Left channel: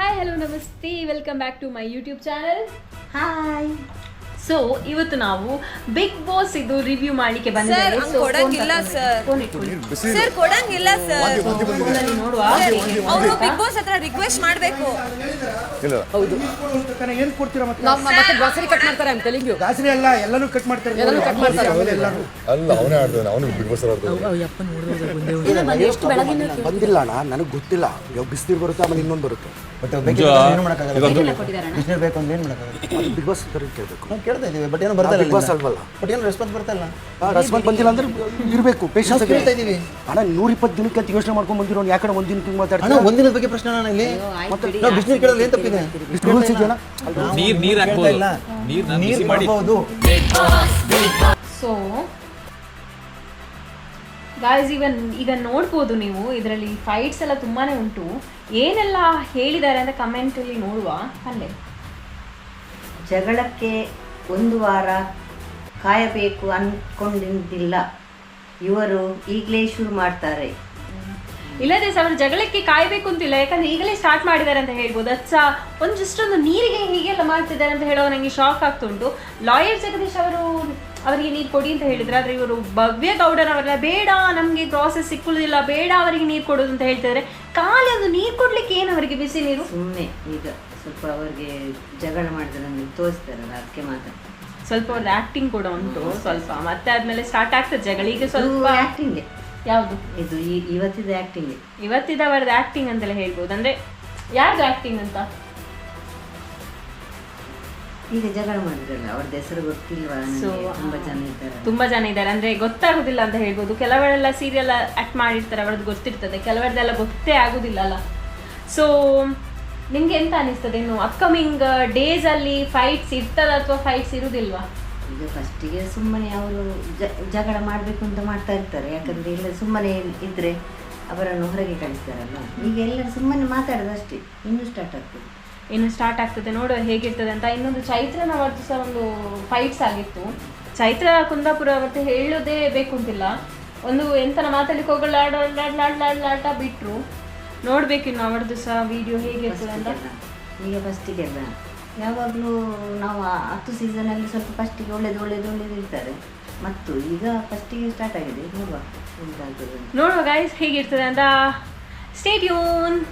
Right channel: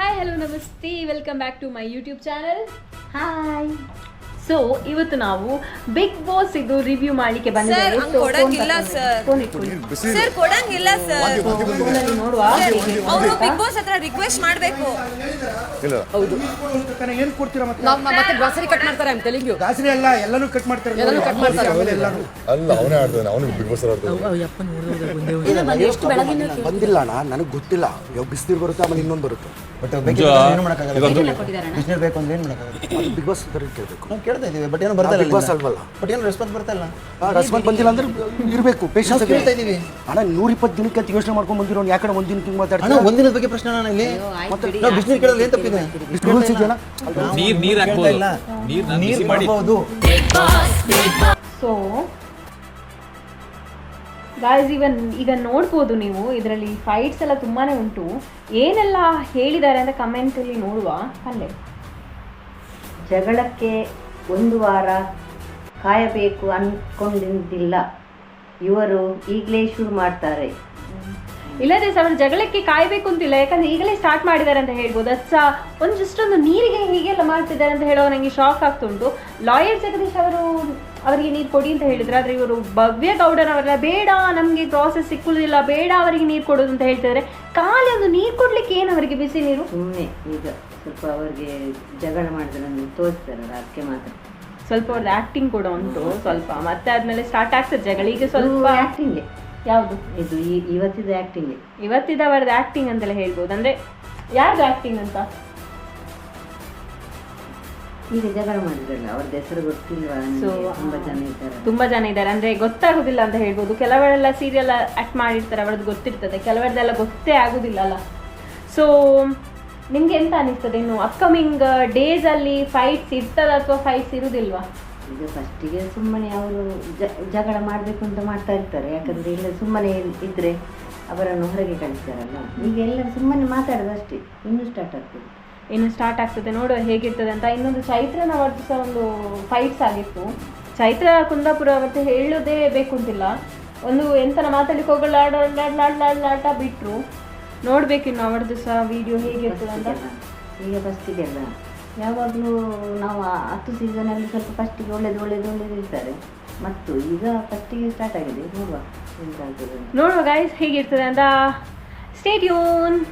Hi hello ನಮಸ್ತೆ welcome back to my YouTube channel hi so ಇವತ್ತು ನಾವು big boss ಇದು ರಿವ್ಯೂ ಮಾಡ್ಲಿಕ್ಕೆ ಸರ್ ಹಂಗ್ ಕೊಡಂಗಿಲ್ಲ ಸರ್ ಸರ್ ಕೊಡಂಗಿಲ್ಲ ಸರ್ ಅವರು ಬಿಗ್ ಬಾಸ್ ಹತ್ರ ರಿಕ್ವೆಸ್ಟ್ ಮಾಡ್ಬೇಕು. ಇಲ್ಲ. ಏನ್ ಕೊಡ್ತೀರಾ ಮತ್ತೆ ನಮ್ಮ ಮತ್ತೆ ಗ್ರಾಸರಿ ಕಟ್ ಮಾಡ್ತಾರೆ ಅಂತ ತೆಲಿಂಗು ದಾಸರಿ ಅಲ್ಲ ಎಲ್ಲಾನು ಕಟ್ ಮಾಡ್ತಾರೆ. ಎಲ್ಲಾನು cut ಮಾಡ್ತಾರೆ. ಎಲ್ಲಾನು. ಅಲ್ಲ ಅವನೇ ಆಡ್ತಾನೆ ಅವನಿಗೆ ಬಿಗ್ ಬಾಸ್ ಆಡ್ತಾನೆ. ಎಷ್ಟು ಬೆಳಗಿನ ಬಂದಿಲ್ಲ ಅಣ್ಣ ನನಗೆ ಗೊತ್ತಿಲ್ಲ. ಇವಾಗ ಬಿಸಿನೀರು ಬರುತ್ತೆ ಆಮೇಲೆ ಇನ್ನೊಂದು ಬರುತ್ತೆ. ಬಟ್ ಏನು ಮಾಡೋಕ್ಕಾಗಲ್ಲ? ಬಿಸಿನೀರು ಬೇಕು ಅಂದ್ರೆ ಏನು ಮಾಡೋಕ್ಕಾಗಲ್ಲ? ಬಿಗ್ ಬಾಸ್ ಕೇಳಬೇಕು. ನಾವು ಕೇಳ್ತಾ ಇದೀವಿ ಬಟ್ ಏನು ಬರ್ತಾ Boss ಇಲ್ಲ ಅಲ್ವಲ್ಲ. ಬಟ್ ಏನು ರೆಸ್ಪಾನ್ಸ್ ಬರ್ತಾ ಇಲ್ಲ ರೆಸ್ಪಾನ್ಸ್ ಬಂದಿಲ್ಲ ಅಂದ್ರೆ ಇರಬೇಕು ಪೇಷನ್ಸ್ ಕೇಳ್ತಾ ಇದೀವಿ ಅಣ್ಣ ನೂರ ಇಪ್ಪತ್ತು ದಿನಕ್ಕೆ ಅಂತ ಯೋಚನೆ ಮಾಡ್ಕೊಂಡು ಬಂದಿರೋ ಯಾಕಡೆ ಒಂದಿನ ಹಿಂಗೆ ಅಣ್ಣ ಮಾತಾಡ್ತಾರೆ ಒಂದಿನದ ಬಗ್ಗೆ ಪ್ರಶ್ನೆ ನಾನು ಇಲ್ಲಿ. ನಾವು ಬಿಸಿನೀರು ಕೇಳೋದು ಏನು ತಪ್ಪಿದೆ? ರೂಲ್ಸ್ ಇದೆಯಲ್ಲ? ನೀರ್ ನೀರ್ ಹಾಕ್ಬೋದು. ನೀರು ಬಿಸಿ ಮಾಡ್ಬೋದು ಗಾಯ್ಸ್ ಇವನ್ ಈಗ ನೋಡ್ಬೋದು ನೀವು ಇದರಲ್ಲಿ ಫೈಟ್ಸ್ ಎಲ್ಲ ತುಂಬಾ ಉಂಟು. ಏನೆಲ್ಲ ಹೇಳಿದ್ದಾರೆ ಅಂತ ಕಮೆಂಟಲ್ಲಿ ನೋಡುವ. ಅಲ್ಲೇ. ಜಗಳಕ್ಕೆ ಒಂದು ವಾರ ಕಾಯಬೇಕು ಅನ್ಕೊಂಡಿದ್ದಿಲ್ಲ. ಇವರು ಈಗಲೇ ಶುರು ಮಾಡ್ತಾರೆ. ಇಲ್ಲದೆ ಸರ್ ಅವರು ಜಗಳಕ್ಕೆ ಕಾಯಬೇಕು ಅಂತಿಲ್ಲ. ಯಾಕಂದ್ರೆ ಈಗಲೇ ಸ್ಟಾರ್ಟ್ ಮಾಡಿದ್ದಾರೆ ಅಂತ ಹೇಳ್ಬೋದು. ಅಚ್ಚ ಒಂದು ಜಸ್ಟ್ ಒಂದು ನೀರಿಗೆ ಹೀಗೆಲ್ಲ ಮಾಡ್ತಿದ್ದಾರೆ ಅಂತ ಹೇಳೋ ನನಗೆ ಶಾಕ್ ಆಗ್ತುಂಟು ಲಾಯರ್ ಜಗದೀಶ್ ಅವರು ಅವರಿಗೆ ನೀರು ಕೊಡಿ ಅಂತ ಹೇಳಿದ್ರೆ. ಆದ್ರೆ ಇವರು ಭವ್ಯ ಗೌಡನವರೆಲ್ಲ ಬೇಡ ನಮಗೆ ಪ್ರಾಸೆಸ್ ಸಿಕ್ಕುವುದಿಲ್ಲ ಬೇಡ ಅವರಿಗೆ ನೀರು ಕೊಡೋದು ಅಂತ ಹೇಳ್ತಿದ್ದಾರೆ ಖಾಲಿ ಒಂದು ನೀರು ಕೊಡ್ಲಿಕ್ಕೆ ಏನು ಅವರಿಗೆ ಬಿಸಿ ನೀರು? ಸುಮ್ಮನೆ ಈಗ ಸ್ವಲ್ಪ ಅವರಿಗೆ ಜಗಳ ಮಾಡಿದ್ರೆ ನಮಗೆ ತೋರಿಸ್ತಾರಲ್ಲ ಅದಕ್ಕೆ ಮಾತ್ರ. ಸ್ವಲ್ಪ ಅವ್ರದ್ದು ಆಕ್ಟಿಂಗ್ ಕೂಡ ಉಂಟು ಸ್ವಲ್ಪ ಮತ್ತೆ ಆದ್ಮೇಲೆ ಸ್ಟಾರ್ಟ್ ಆಗ್ತದೆ ಜಗಳ. ಈಗ ಸ್ವಲ್ಪ ಆಕ್ಟಿಂಗ್ ಯಾವುದು? ಇದು ಈ- ಇವತ್ತಿದ ಆಕ್ಟಿಂಗ್ ಇವತ್ತಿದ ಅವರದ್ದು ಆಕ್ಟಿಂಗ್ ಅಂತೆಲ್ಲ ಹೇಳ್ಬೋದು. ಅಂದ್ರೆ ಯಾರ್ದು ಆಕ್ಟಿಂಗ್ ಅಂತ? ಈಗ ಜಗಳ ಮಾಡಿದ್ರಲ್ಲ ಅವ್ರದ್ದು ಹೆಸರು ಗೊತ್ತಿಲ್ವಾ? ಸೊ ತುಂಬಾ ಜನ ಇದ್ದಾರೆ. ತುಂಬಾ ಜನ ಇದ್ದಾರೆ. ಅಂದ್ರೆ ಗೊತ್ತಾಗುದಿಲ್ಲ ಅಂತ ಹೇಳ್ಬೋದು. ಕೆಲವರೆಲ್ಲ ಸೀರಿಯಲ್ ಆಕ್ಟ್ ಮಾಡಿರ್ತಾರೆ ಅವ್ರದ್ದು ಗೊತ್ತಿರ್ತದೆ. ಕೆಲವರದೆಲ್ಲ ಗೊತ್ತೇ ಆಗುದಿಲ್ಲ ಅಲ್ಲ ಸೊ ನಿಮ್ಗೆ ಎಂತ ಅನಿಸ್ತದೆ ಇನ್ನು? ಅಪ್ಕಮಿಂಗ್ ಡೇಸ್ ಅಲ್ಲಿ ಫೈಟ್ಸ್ ಇರ್ತದ ಅಥವಾ ಫೈಟ್ಸ್ ಇರುದಿಲ್ವಾ? ಈಗ ಫಸ್ಟಿಗೆ ಸುಮ್ಮನೆ ಅವರು ಜಗಳ ಮಾಡಬೇಕು ಅಂತ ಮಾಡ್ತಾ ಇರ್ತಾರೆ. ಯಾಕಂದ್ರೆ ಇಲ್ಲ ಸುಮ್ಮನೆ ಇದ್ರೆ ಅವರನ್ನು ಹೊರಗೆ ಕಳಿಸ್ತಾರಲ್ಲ. ಈಗ ಎಲ್ಲರೂ ಸುಮ್ಮನೆ ಮಾತಾಡೋದಷ್ಟೇ ಇನ್ನೂ ಸ್ಟಾರ್ಟ್ ಆಗ್ತದೆ. ಇನ್ನು ಸ್ಟಾರ್ಟ್ ಆಗ್ತದೆ. ನೋಡುವ ಹೇಗಿರ್ತದೆ ಅಂತ. ಇನ್ನೊಂದು ಚೈತ್ರನ ಅವತ್ತು ಸಹ ಒಂದು ಫೈಟ್ಸ್ ಆಗಿತ್ತು. ಚೈತ್ರ ಕುಂದಾಪುರ ಅವತ್ತು ಹೇಳೋದೇ ಬೇಕು ಅಂತಿಲ್ಲ ಒಂದು ಎಂತನ ಮಾತಾಡ್ಲಿಕ್ಕೆ ಹೋಗಲ್ಲ ಆಟ ಬಿಟ್ರು. ನೋಡ್ಬೇಕು ಇನ್ನು ಅವರದ್ದು ಸಹ ವಿಡಿಯೋ ಹೇಗಿರ್ತದೆ ಅಂತ. ಈಗ ಫಸ್ಟಿಗೆಲ್ಲ ಯಾವಾಗಲೂ ನಾವು ಹತ್ತು ಸೀಸನಲ್ಲಿ ಸ್ವಲ್ಪ ಫಸ್ಟಿಗೆ ಒಳ್ಳೇದು ಒಳ್ಳೇದು ಒಳ್ಳೇದು ಇರ್ತಾರೆ ಮತ್ತು ಈಗ ಫಸ್ಟಿಗೆ ಸ್ಟಾರ್ಟ್ ಆಗಿದೆ. ನೋಡುವ. ನೋಡುವ ಗೈಸ್ ಹೇಗಿರ್ತದೆ ಅಂತ. ಸ್ಟೇಟ್ ಯೂನ್